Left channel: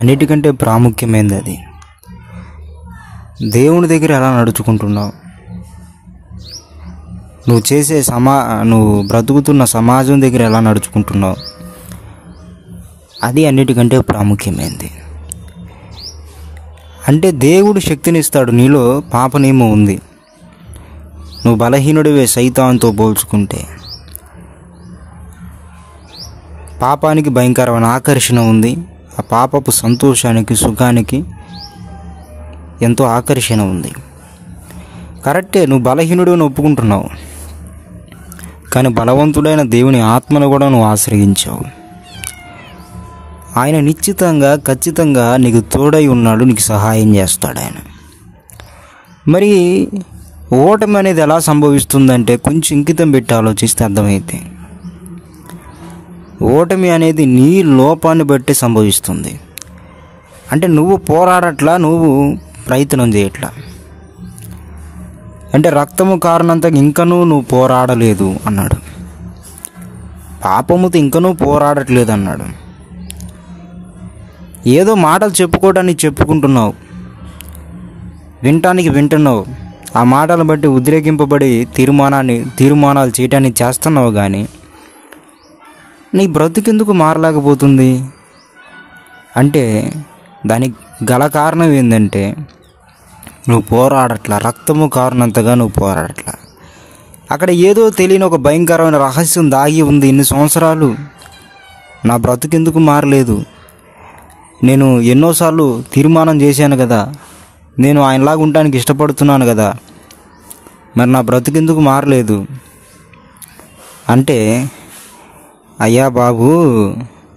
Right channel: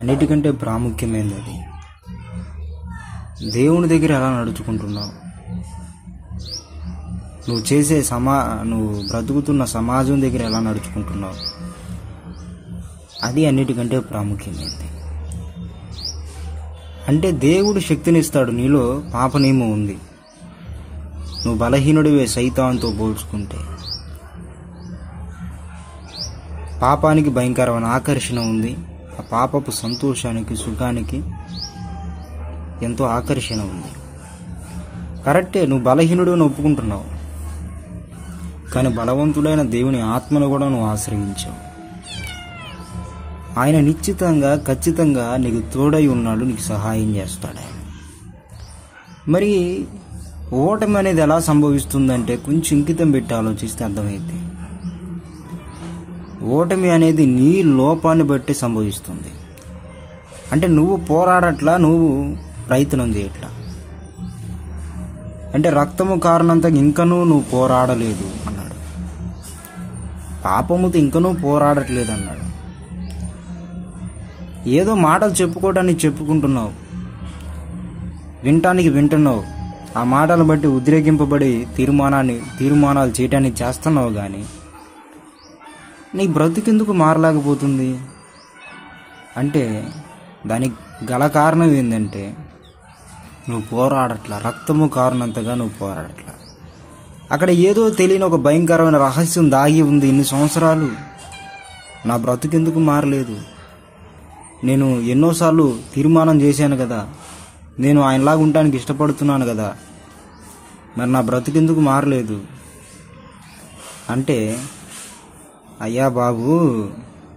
అన్నిటికంటే ప్రాముఖ్యమైనది అది. దేవుని దగ్గర ఎలా నడుచుకుంటున్నావు, నువ్వు బ్రతుకుతున్న సమాజం దగ్గర ఎలా నడుచుకుంటున్నావు, అది అన్నిటికంటే ప్రాముఖ్యమైనది. అంటే దేవుడు శక్తినిస్తాడు, నీలో పాప నియమం ఉంది, నువ్వు బలహీనుడివే సైతాన్తో పోల్చుకుంటే. పాపానికి భయంకరమైన ఆకర్షణ ఉంది, ఆ పాపపు సంతోషానికి సుఖానికి ఎంతో ఆకర్షణ ఉంది. కరెక్టే, నువ్వు బలహీనుడు అని ఒప్పుకుంటున్నావు, కానీ బలవంతుడైన దేవుని ఆత్మను కూడా నువ్వు ఆశ్రయించావు. ఆయన నిశ్చితంగా ఖచ్చితంగా నీకు తోడై ఉన్నాడు, నీకు సహాయం చేస్తాడు ఆయన. మరి ఓటమి అనేది ఎలా సంభవిస్తుందంటే కొంచెం ఇంకితం పెట్టి ఆలోచిస్తే అర్థమైతే, ఓటమి అనేది నీ లోపాన్ని బట్టి సంభవిస్తుంది. అంటే నువ్వు పోరాడట్లా, నువ్వు ప్రయత్నం చేయట్లా. అంటే రక్తము కారణంత ఇంకనూ నువ్వు పోరాడలేదు అన్నాడు, పాపముతో ఇంకనూ పోరాడట్లేదు అన్నాడు. ఏదో మాటలు చెప్పుకోవడానికి చెప్పుకుంటున్నావు, వింటున్నావు, ఆ మాటలు బట్టి ఉద్రేకింపబడి తీర్మానాలు చేయటానికి చేస్తున్నావు, కానీ నీ బ్రతుకెందుకు మారలేకపోతుంది అంటే దానికి గల కారణం ఏంటంటే నువ్వు పోరాడట్లా, రక్తము కారణంతగా నువ్వు పోరాడట్లా. అక్కడ ఏదో తెలియని ఒక భయంకరమైన రహస్యం దాగి ఉంది. ఇన్ని సంవత్సరాలు నా బ్రతుకెందుకు మారలేదు, నేను ఎన్నోసార్లు తీర్మానం చేశాను కదా, నేను ఆయనలాగా ఉండటానికి ఇష్టపడుతున్నాను కదా, మరి నా బ్రతుకెందుకు మారలేదు అంటే, అయ్యా బాబు,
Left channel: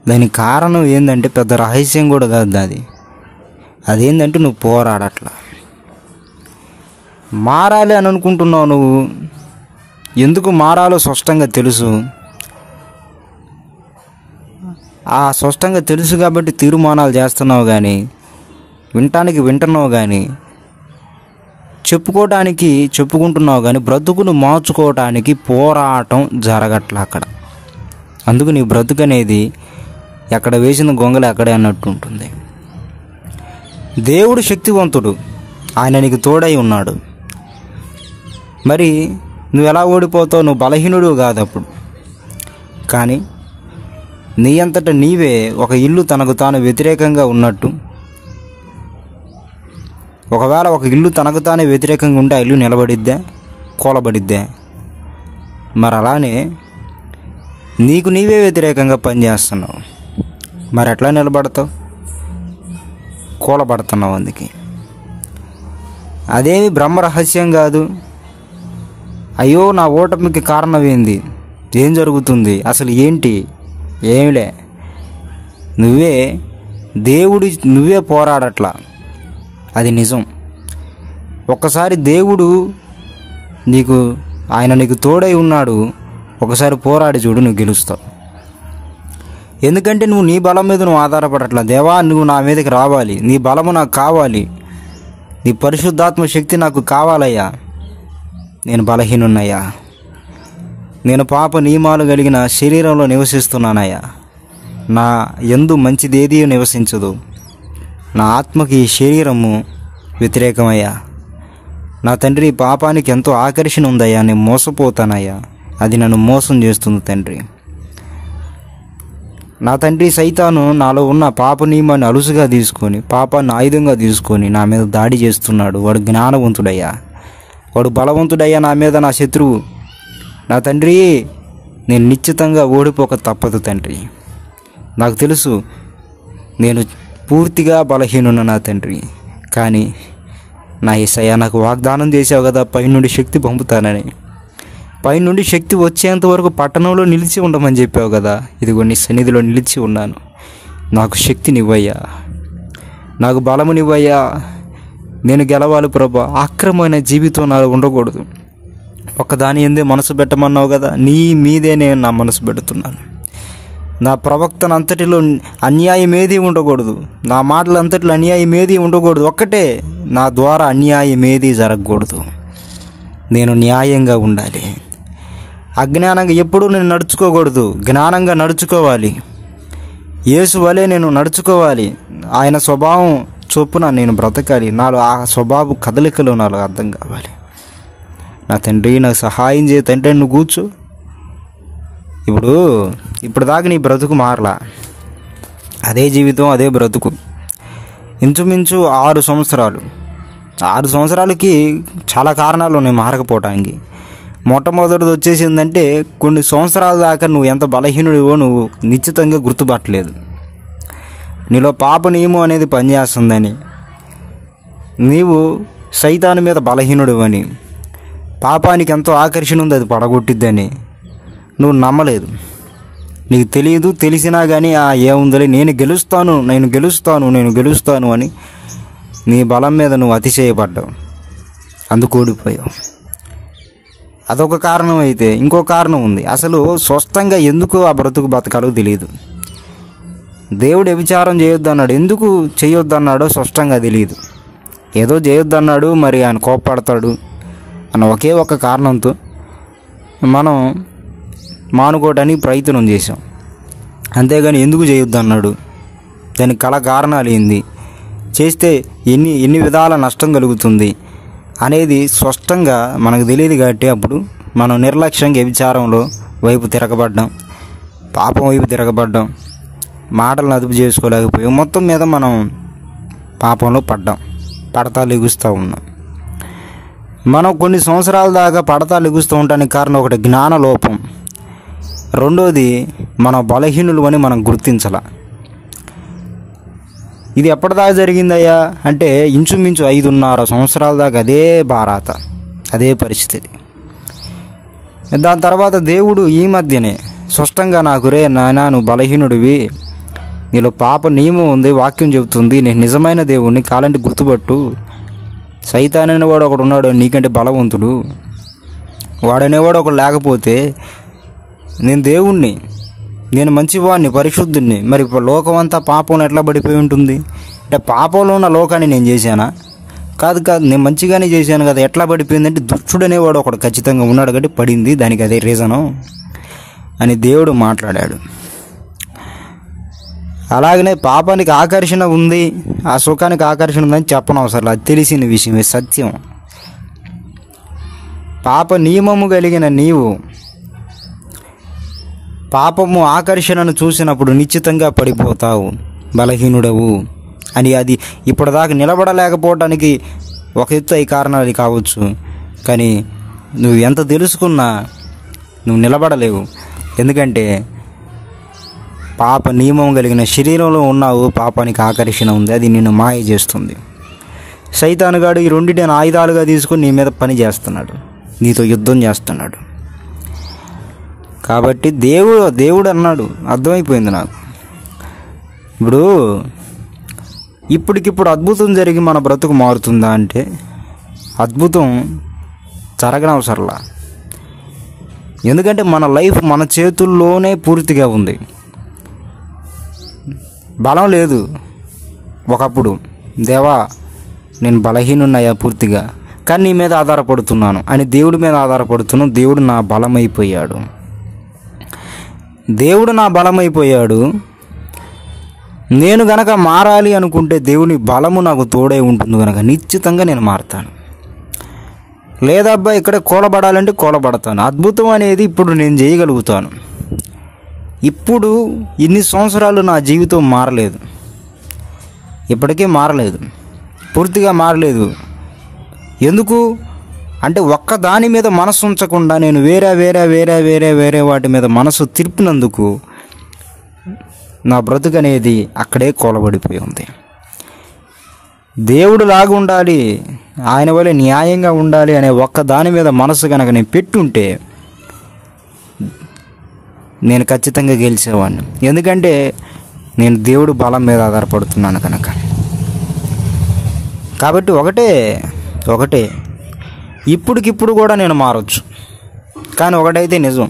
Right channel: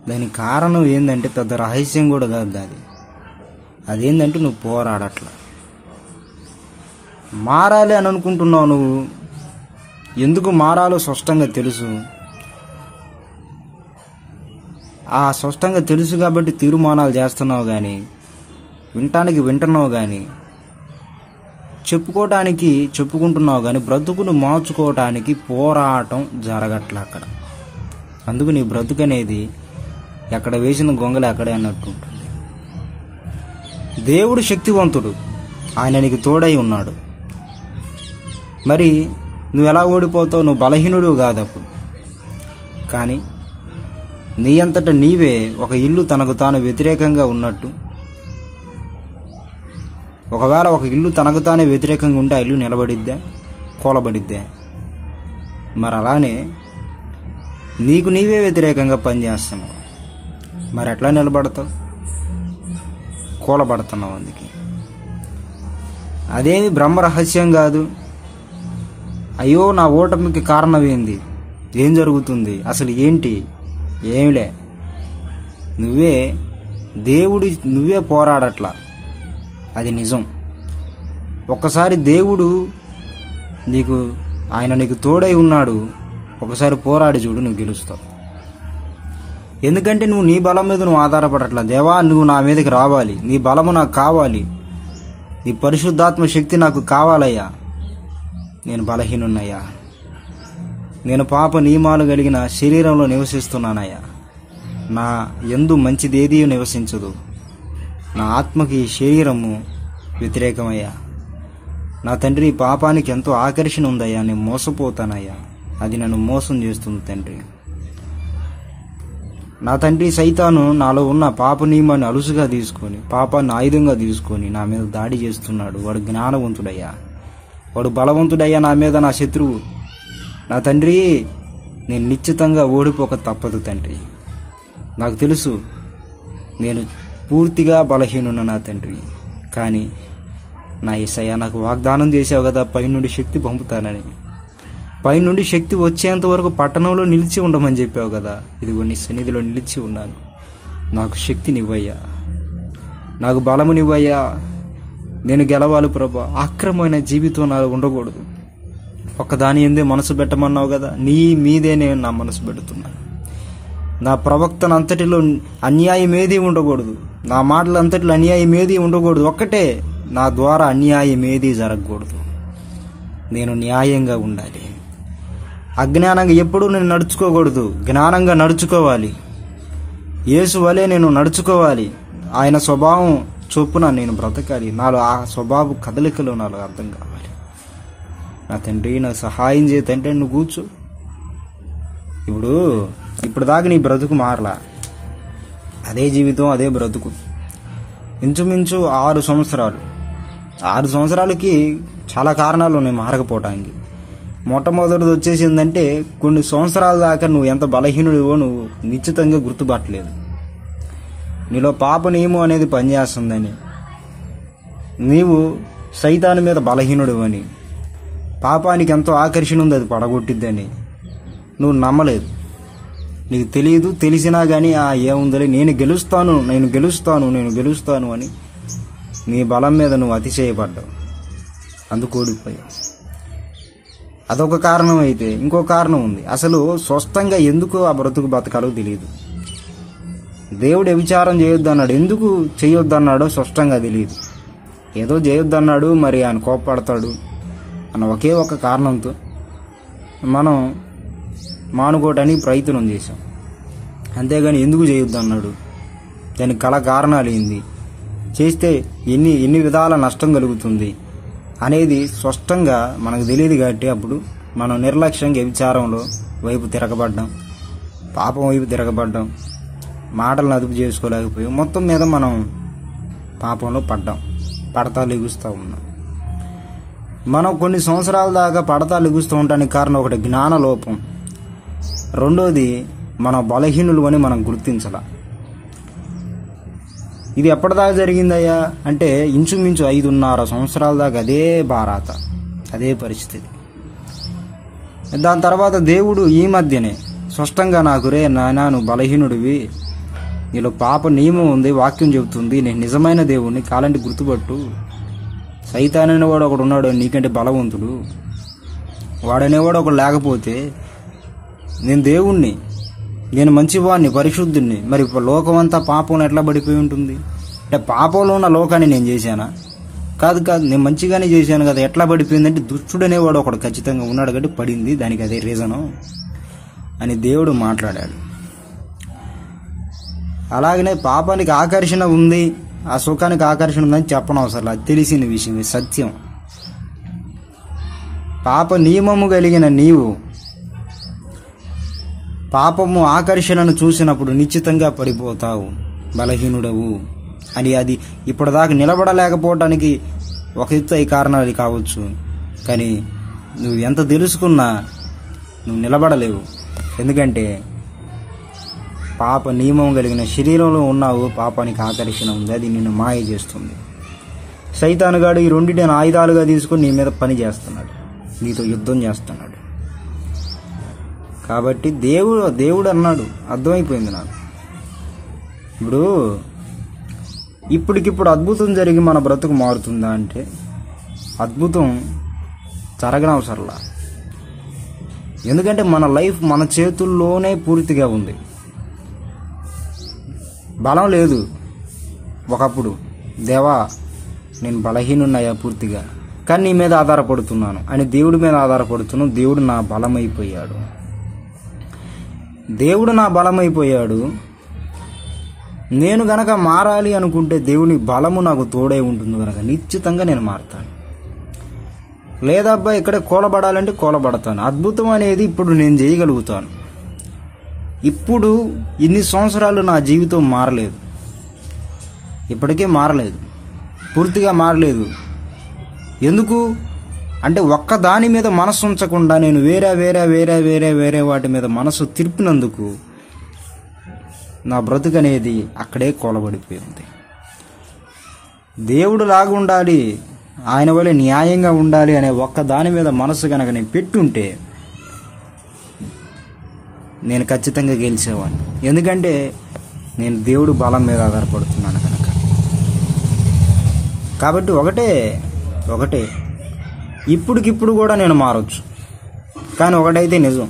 దానికి కారణం ఏంటంటే పెద్ద రహస్యం కూడా కాదు అది. అదేంటంటే నువ్వు పోరాడట్లా. మారాలి అని అనుకుంటున్నావు, నువ్వు ఎందుకు మారాలో స్పష్టంగా తెలుసు. ఆ స్పష్టంగా తెలుసు కాబట్టి తీర్మానాలు చేస్తున్నావు, కానీ వింటున్నావు, కానీ చెప్పుకుంటున్నావు, కానీ బ్రతుకును మార్చుకోవటానికి పోరాటం జరగట్లా అక్కడ. అందుకు నీ బ్రతుకు అనేది ఎక్కడ వేసిన గొంగలు అక్కడే అన్నట్టు ఉంటుంది. దేవుడు శక్తివంతుడు, ఆయన నీకు తోడై ఉన్నాడు. మరి నువ్వు ఎలా ఓడిపోతావు, నువ్వు బలహీనుడు కాదు అప్పుడు. కానీ నీ అంతటా నీవే ఒక ఇల్లు తనకు తాను వ్యతిరేకంగా ఉన్నట్టు, ఒకవేళ ఒక ఇల్లు తనకు తానే వ్యతిరేకంగా ఉంటే ఆ ఇల్లు నిలబడిద్దా, కూలబడిద్దా? మరి అలానే నీకు నీవే వ్యతిరేకంగా పనిచేస్తున్నావు, మరి ఎట్లా నిలబడతావు? కూలబడుతున్నావు. అందుకే అదేమి బ్రహ్మ రహస్యం కాదు. అయ్యో నా ఓటమికి కారణం ఏంది, ఏం జరుగుతుంది, అసలు ఏంటి, ఏమిలే, నువ్వే పోరాడట్లా, అది నిజం. ఒక్కసారి దేవుడు ఆయన నీకు తోడై ఉన్నాడు, ఒకసారి పోరాడి చూడు, నువ్వు గెలుస్తావు. ఎందుకంటే నువ్వు నీ బలం మీద నువ్వు ఆధారపడట్లా. దేవా, నువ్వు నా మీదకి రావాలి, నీ బలము నాకు కావాలి, నీ పరిశుద్ధాత్మ శక్తి నాకు కావాలయ్యా, నేను బలహీనున్నయ్యా, నేను పాప నియమాలు కలిగిన శరీరంలో నివసిస్తున్నానయ్యా, నా యందు మంచిదేదీ నివసించదు, నా ఆత్మకి ఈ శరీరము వ్యతిరేకమయ్యా, నా తండ్రి పాపానికి ఎంతో ఆకర్షణ ఉందయ్యా, నేను మోసపోతానయ్యా, అది నన్ను మోసం చేస్తుంది తండ్రి. నా తండ్రి సైతాను నాలో ఉన్న పాప నియమాన్ని అలుసుగా తీసుకొని, పాపాన్ని ఆయుధంగా తీసుకొని నా మీద దాడి చేస్తున్నాడు. వాడు జ్ఞానవంతుడయ్యా, వాడు బలవంతుడయ్యా, నా మీద నా శత్రువు. నా తండ్రి, నేను నిశ్చితంగా ఓడిపోక తప్పదు తండ్రి. నాకు తెలుసు నేను పూర్తిగా బలహీనున్న నా తండ్రి, కానీ నా యేసయ్యా నాకు వాగ్దానం చేసావు కదా, పైనుండి శక్తి పంపుతానని. పైనుండి శక్తి వచ్చేంత వరకు పట్టణంలో నిలిచి ఉండమని చెప్పావు కదా, ఇదిగో నీ సన్నిధిలో నిలిచి ఉన్నాను. నాకు శక్తినివ్వయ్యా, నాకు బలమునివ్వయ్యా, నేను గెలవాలి ప్రభా. అక్రమమైన జీవితం నాలో ఉండకూడదు. ఒక్కదాని ఎందే మనసు పెట్టమన్నావు కదా, నీ మీదే నేను నా మనసు పెడుతున్నాను. నా ప్రవక్తనంతటిలో అన్యాయం ఏదీ ఉండకూడదు, నా మాటలంతటిలో అన్యాయం ఏదీ ఉండకూడదు. ఒక్కటే, నా ద్వారా అన్యాయం ఏదీ జరగకూడదు. నేను న్యాయంగా ఉండాలి. అజ్ఞానంగా ఎప్పుడూ నేను నడుచుకోకూడదు, జ్ఞానంగా నడుచుకోవాలి. యేసు వలె నేను నడుచుకోవాలి. ఆయన స్వభావం చొప్పున నేను బ్రతకాలి, నాలో ఆ స్వభావ కదలికలు నాలో అర్థం కావాలి. నా తండ్రి నాకు సహాయం చేయ తండ్రి, నువ్వు కూర్చో. ఇప్పుడు దాకా నీ బ్రతుకు మారలా, అదే జీవితం అదే బ్రతుకు. ఇంచుమించు 6 సంవత్సరాలు. 6 సంవత్సరాలకి చాలా కారణాలు ఉన్నాయి మారకపోవటానికి. మొట్టమొదటిది వచ్చేసిందంటే కొన్ని సంవత్సరాల దాకా నువ్వు ఎంత బలహీనుడివో నువ్వు నిశ్చితంగా గుర్తుపట్టలేదు. నీలో పాప నియమం అనేది పనిచేస్తుందని, నీవు సైతాను మీద బలహీనుడివని, పాపానికి ఎంతో ఆకర్షణ ఉంది అది పడగొట్టిద్దని నువ్వు నమ్మలేదు. నీకు తెలియదు, తెలిసినా కానీ ఏముందని నేను గెలుస్తాను అని నీ బలం మీద నువ్వు అతిశయపడ్డావు, అందుకు ఓడిపోయావు. అదొక కారణం అయితే ఇంకో కారణం ఉంది. అసలు స్వస్థంగా ఎందుకు ఆ బ్రతుకు బతకాలో తెలియదు. దేవుడు వ్యభిచారం చేయొద్దన్నాడు, ఎందుకు చేయొద్దన్నాడో స్పష్టంగా తెలియదు. ఏదో చేయొద్దన్నాడు, మరి ఆయన కోప్పడతాడు అన్న ఒకే ఒక కారణంతో మనం మానుకోవడానికి ప్రయత్నం చేశాం. అంతేగాని ఎందుకు చేయొద్దన్నాడు, దానికి కారణాలు ఏంది, చేస్తే ఎన్ని విధాల నష్టం కలుగుతుంది అనేది స్పష్టంగా మనకు తెలియదు. కాబట్టి అప్పుడు మనం నిర్లక్ష్యంగా వ్యభిచారంలో వైపు తిరగబడ్డాం, పాపం వైపు తిరగబడ్డాం, మాటలను అదుపు చేసుకోలేకపోయాం. మొత్తం మీద మనం పాపంలో పడతా లెగుస్తూ ఉన్నాం. మనం కొన్ని సంవత్సరాల దాకా పడతా లెగుస్తూ ఉండడానికి కారణం ఒకటి జ్ఞాన లోపం, రెండోది మన బలహీనులు అని మనం గుర్తించాల. ఇది ఎప్పటిదాకా జరిగిందయ్యా అంటే ఇంచుమించు 5.5 సంవత్సరాల దాకా అదే బారాత, అదే పరిస్థితి. దాని తర్వాత దేవుడు ఈ మధ్యనే స్పష్టంగా నాకు, రే నాయనా నువ్వు బలహీనుడివి, నీలో పాప నియమం ఉంది, వాక్యం చెబుతుంది, నేను నిజమైన దేవుడిని కాలంటి గుర్తుపట్టు, సైతాన్ అనేవాడు ఒకడు ఉన్నాడు నీకంటే బలవంతుడు, వాడనేవాడు ఒకడు లేకపోతే నేను దేవుణ్ణి, నేను మంచివాడిని, పరిశుద్ధుడిని, మరి ఇప్పుడు లోకం అంతా పాపంలో ఎట్లా పడిపోయి ఉంటుంది అంటే పాపంలో ఉన్న లోకాన్ని నేను చేశానా? కాదు, నేను మంచిగానే చేశాను కదా, ఎట్లా పడిపోయిందంటే దుష్టుడు అనేవాడు ఒకడు ఖచ్చితంగా ఉన్నాడు కాబట్టి పడింది, దానికి అదే రీజను అని దేవుడు మాట్లాడాడు. అలాగనే పాపానికి ఆకర్షణ ఉంది, ఆ సుఖానికి ఆకర్షణ ఉందని చెప్పనవసరం, అది తెలిసిన విషయమే, సత్యం. పాప నియమము కలిగిన నీవు పాపము ఆకర్షణను చూసినప్పుడు నిశ్చితంగా పడిపోతావు, బలహీనుడవు అని. అది ఇప్పటిదాకా నిలబడలేకపోవటానికి ఒక ఎత్తు ఈ కారణాలు కావచ్చు, కానీ నువ్వు ఎంత తెలుసుకున్నా నువ్వు నిలబడలేవు. ఎందుకంటే పాప నియమం కలిగిన శరీరంలో ఉన్నావు, పాపానికి ఆకర్షణ ఉంది, అది నిన్ను మాయ చేస్తుంది. సైతానుగాడు ఈ రెండింటిని ఆయుధాలుగా తీసుకుని నీ మీద పని చేస్తున్నాడు, నీతో యుద్ధం చేస్తున్నాడు. కాబట్టి దేవుడు అన్నాడు, అర్థమైపోయింది నాకు. ఇప్పటికిప్పుడు అద్భుతం జరిగి మన బ్రతుకు మారుతుందా అంటే అద్భుతం జరగనవసరంలా. ఎందుకంటే మన లైఫ్ మన చేతుల్లోనే పూర్తిగా ఉంది. బలం లేదు. ఒకప్పుడు దేవా నేను బలహీనున్నాయా పూర్తిగా, కానీ నీ మీద ఆధారపడుతున్నాను అని దేవుడి మీద ఆధారపడుతున్నాను. దేవుడు నా బలమైపోయాడు. నేను గనక మారాలి అనుకుంటే దేవుని బలము నాకు తోడై ఉంటుంది కనుక నిశ్చితంగా నేను మారుతాను. లేదా అబ్బాయి ఇక్కడే కూలబడాలంటే కూలబడతాను. అద్భుతం అనేది ఇప్పుడు నేను చేయగలుగుతాను. ఇప్పుడు ఇన్ని సంవత్సరాలు నా జీవితం మారలేదు, ఇప్పటికీ మారలేదు, పూర్తిగా మారలేదు. ఎందుకు అంటే ఒక్క దాని మీద మనసు ఉంచకుండా నేను వేరే వాటి మీద మనసు తిరిపినందుకు నా బ్రతుకు అనేది అక్కడే కూలబడిపోయి ఉంది. దేవుడు లాగా ఉండాలి, ఆయన వల్ల న్యాయంగా ఉండాలి అనే ఒక్క దాని మీద మనసు కనుక నేను పెట్టుంటే నేను ఖచ్చితంగా గెలిచేవాడిని. ఎందుకంటే నేను దేవుడు బలం మీద ఆధారపడుతున్నాను కనుక. కాబట్టి ఒకటే ఇప్పటికిప్పుడు కూడా నేను మారచ్చు. కానీ ఒకటైతే నిజం,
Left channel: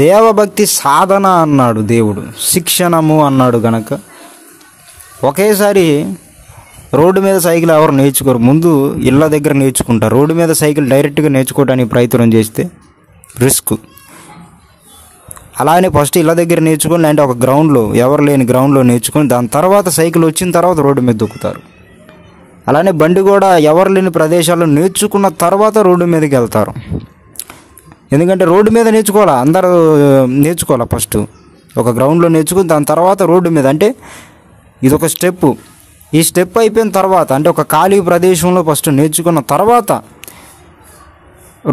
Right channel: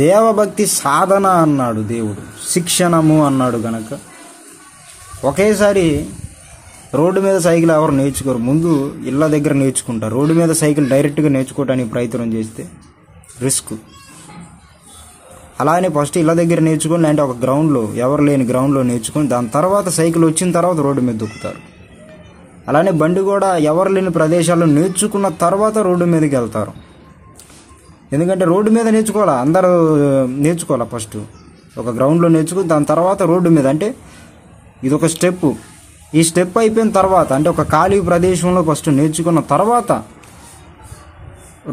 దేవభక్తి సాధన అన్నాడు దేవుడు, శిక్షణము అన్నాడు గనక ఒకేసారి రోడ్డు మీద సైకిల్ ఎవరు నేర్చుకోరు, ముందు ఇళ్ళ దగ్గర నేర్చుకుంటారు. రోడ్డు మీద సైకిల్ డైరెక్ట్గా నేర్చుకోవడానికి ప్రయత్నం చేస్తే రిస్క్. అలానే ఫస్ట్ ఇళ్ళ దగ్గర నేర్చుకొని, అంటే ఒక గ్రౌండ్లో, ఎవరు లేని గ్రౌండ్లో నేర్చుకొని, దాని తర్వాత సైకిల్ వచ్చిన తర్వాత రోడ్డు మీద దొక్కుతారు. అలానే బండి కూడా ఎవరు లేని ప్రదేశాల్లో నేర్చుకున్న తర్వాత రోడ్డు మీదకి వెళ్తారు. ఎందుకంటే రోడ్డు మీద నేర్చుకోవాలా, అందరూ నేర్చుకోవాలా. ఫస్ట్ ఒక గ్రౌండ్లో నేర్చుకుని దాని తర్వాత రోడ్డు మీద, అంటే ఇదొక స్టెప్. ఈ స్టెప్ అయిపోయిన తర్వాత, అంటే ఒక ఖాళీ ప్రదేశంలో ఫస్ట్ నేర్చుకున్న తర్వాత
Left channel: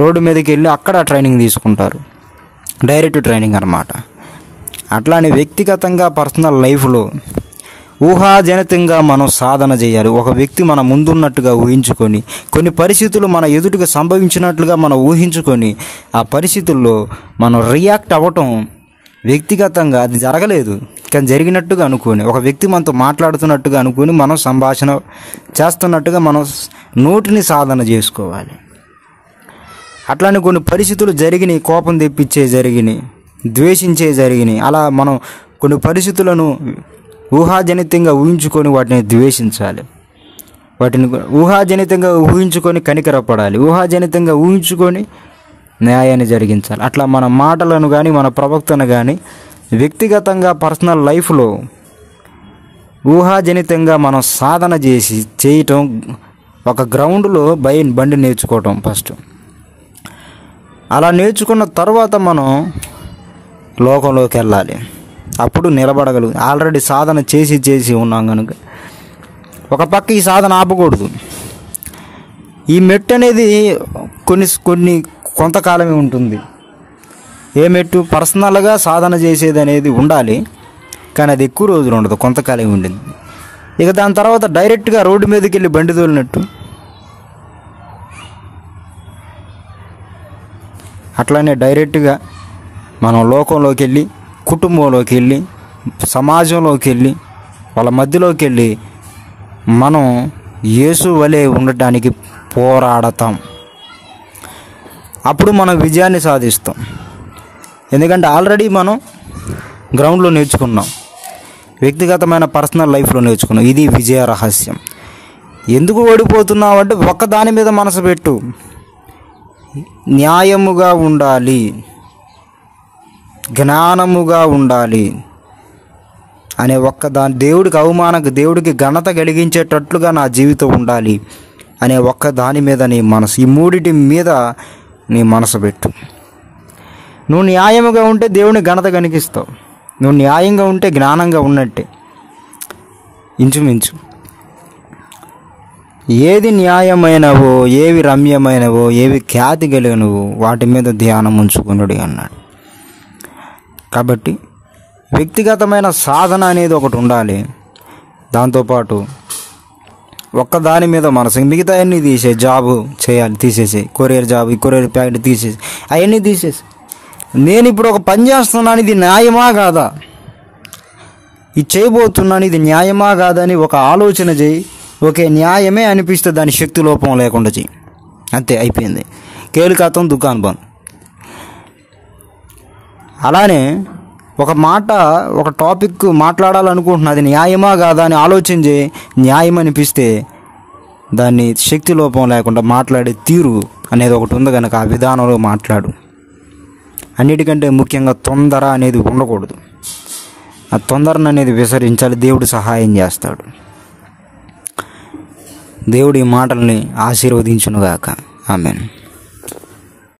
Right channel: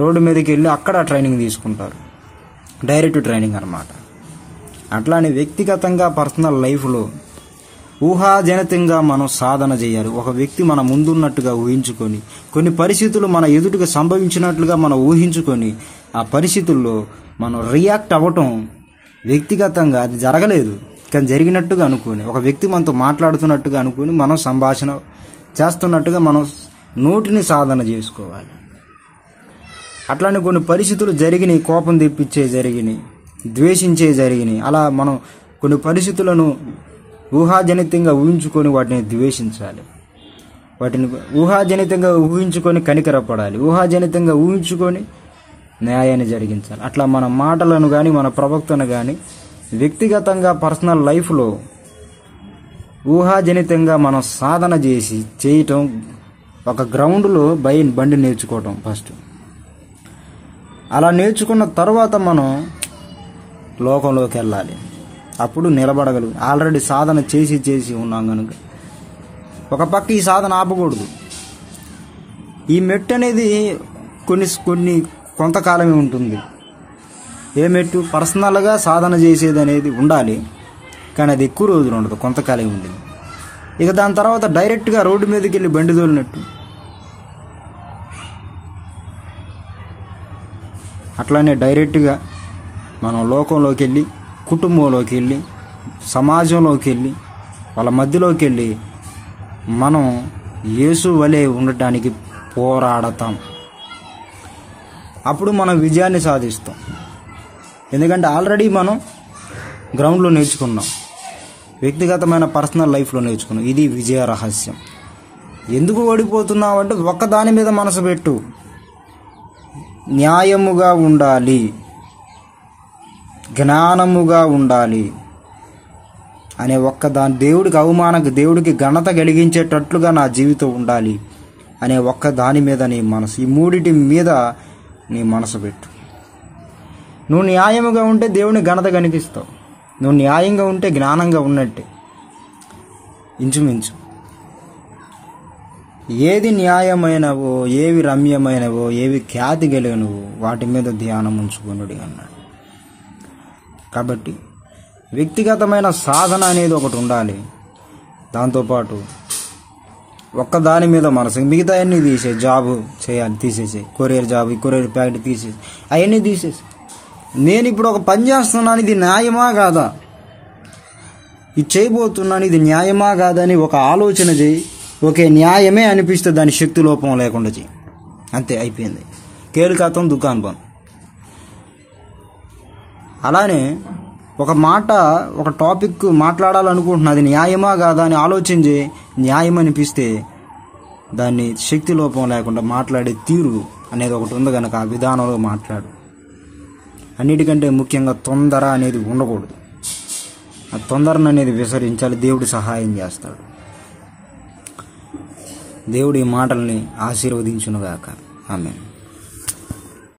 రోడ్డు మీదకి వెళ్ళి అక్కడ ట్రైనింగ్ తీసుకుంటారు. డైరెక్ట్ ట్రైనింగ్ అన్నమాట. అట్లానే వ్యక్తిగతంగా పర్సనల్ లైఫ్లో ఊహాజనితంగా మనం సాధన చేయాలి. ఒక వ్యక్తి మన ముందున్నట్టుగా ఊహించుకొని, కొన్ని పరిస్థితులు మన ఎదుటిగా సంభవించినట్లుగా మనం ఊహించుకొని, ఆ పరిస్థితుల్లో మనం రియాక్ట్ అవ్వటం, వ్యక్తిగతంగా అది జరగలేదు కానీ జరిగినట్టుగా అనుకొని, ఒక వ్యక్తి మనతో మాట్లాడుతున్నట్టుగా అనుకొని మనం సంభాషణ చేస్తున్నట్టుగా మనం నోటిని సాధన చేసుకోవాలి. అట్లానే కొన్ని పరిస్థితులు జరిగినాయి, కోపం తెప్పించే జరిగినాయి, ద్వేషించే జరిగినాయి. అలా మనం కొన్ని పరిస్థితులను ఊహాజనితంగా ఊహించుకొని వాటిని ద్వేషించాలి. వాటిని ఊహాజనితంగా ఊహించుకొని కనికరపడాలి. ఊహాజనితంగా ఊహించుకొని న్యాయాన్ని జరిగించాలి. అట్లా మన మాటలను కానీ మన ప్రవక్తను కానీ వ్యక్తిగతంగా పర్సనల్ లైఫ్లో ఊహాజనితంగా మనం సాధన చేయటం, ఒక గ్రౌండ్లో బండి నేర్చుకోవటం ఫస్ట్. అలా నేర్చుకున్న తర్వాత మనం లోకంలోకి వెళ్ళాలి. అప్పుడు నిలబడగలుగు. ఆల్రెడీ సాధన చేసి ఉన్నాం కనుక ఒక పక్క ఈ సాధన ఆపకూడదు. ఈ మెట్టు అనేది కొంతకాలమే ఉంటుంది. ఏ మెట్టు? పర్సనల్గా సాధన చేసేది అనేది ఉండాలి, కానీ అది ఎక్కువ రోజులు ఉండదు, కొంతకాలం ఉండింది. ఇక దాని తర్వాత డైరెక్ట్గా రోడ్డు మీదకి వెళ్ళి బండి తోలినట్టు, అట్లానే డైరెక్ట్గా మనం లోకంలోకి వెళ్ళి, కుటుంబంలోకి వెళ్ళి, సమాజంలోకి వెళ్ళి, వాళ్ళ మధ్యలోకి వెళ్ళి మనం యేసు వలె ఉండటానికి పోరాడతాం. అప్పుడు మనం విజయాన్ని సాధిస్తాం. ఎందుకంటే ఆల్రెడీ మనం గ్రౌండ్లో నేర్చుకున్నాం, వ్యక్తిగతమైన పర్సనల్ లైఫ్లో నేర్చుకున్నాం. ఇది విజయ రహస్యం. ఎందుకు ఓడిపోతున్నావు అంటే, ఒక్క దాని మీద మనసు పెట్టు. న్యాయముగా ఉండాలి, జ్ఞానముగా ఉండాలి అనే ఒక్కదాని, దేవుడికి ఘనత కలిగించేటట్లుగా నా జీవితం ఉండాలి అనే ఒక్క దాని మీద నీ మనసు, ఈ మూడిటి మీద నీ మనసు పెట్టు. నువ్వు న్యాయముగా ఉంటే దేవుని ఘనత కనిపిస్తావు. నువ్వు న్యాయంగా ఉంటే జ్ఞానంగా ఉన్నట్టే ఇంచుమించు. ఏది న్యాయమైనవో, ఏవి రమ్యమైనవో, ఏవి ఖ్యాతి కలిగినవో వాటి మీద ధ్యానం ఉంచుకున్నాడు అన్నాడు. కాబట్టి వ్యక్తిగతమైన సాధన అనేది ఒకటి ఉండాలి. దాంతోపాటు ఒక్కదాని మీద మనసు, మిగతా అన్నీ తీసేసి, జాబు చేయాలి తీసేసి, కొరియర్ జాబ్, కొరియర్ ప్యాకెట్ తీసేసి, అవన్నీ తీసేసి, నేను ఇప్పుడు ఒక పని చేస్తున్నాను, ఇది న్యాయమా కాదా, ఇది చేయబోతున్నాను, ఇది న్యాయమా కాదా అని ఒక ఆలోచన చేయి. ఓకే, న్యాయమే అనిపిస్తే దాని శక్తి లోపం లేకుండా చెయ్యి. అంతే, అయిపోయింది. కేలికాతం దుకాన్ బంద్. అలానే ఒక మాట, ఒక టాపిక్ మాట్లాడాలనుకుంటున్నా, అది న్యాయమా కాదా అని ఆలోచన చేయి. న్యాయం అనిపిస్తే దాన్ని శక్తి లోపం లేకుండా మాట్లాడే తీరు అనేది ఒకటి ఉంది కనుక ఆ విధానంలో మాట్లాడు. అన్నిటికంటే ముఖ్యంగా తొందర అనేది ఉండకూడదు. ఆ తొందరను అనేది విసరించాలి. దేవుడు సహాయం చేస్తాడు. దేవుడి మాటల్ని ఆశీర్వదించునుగాక. ఆమేన్.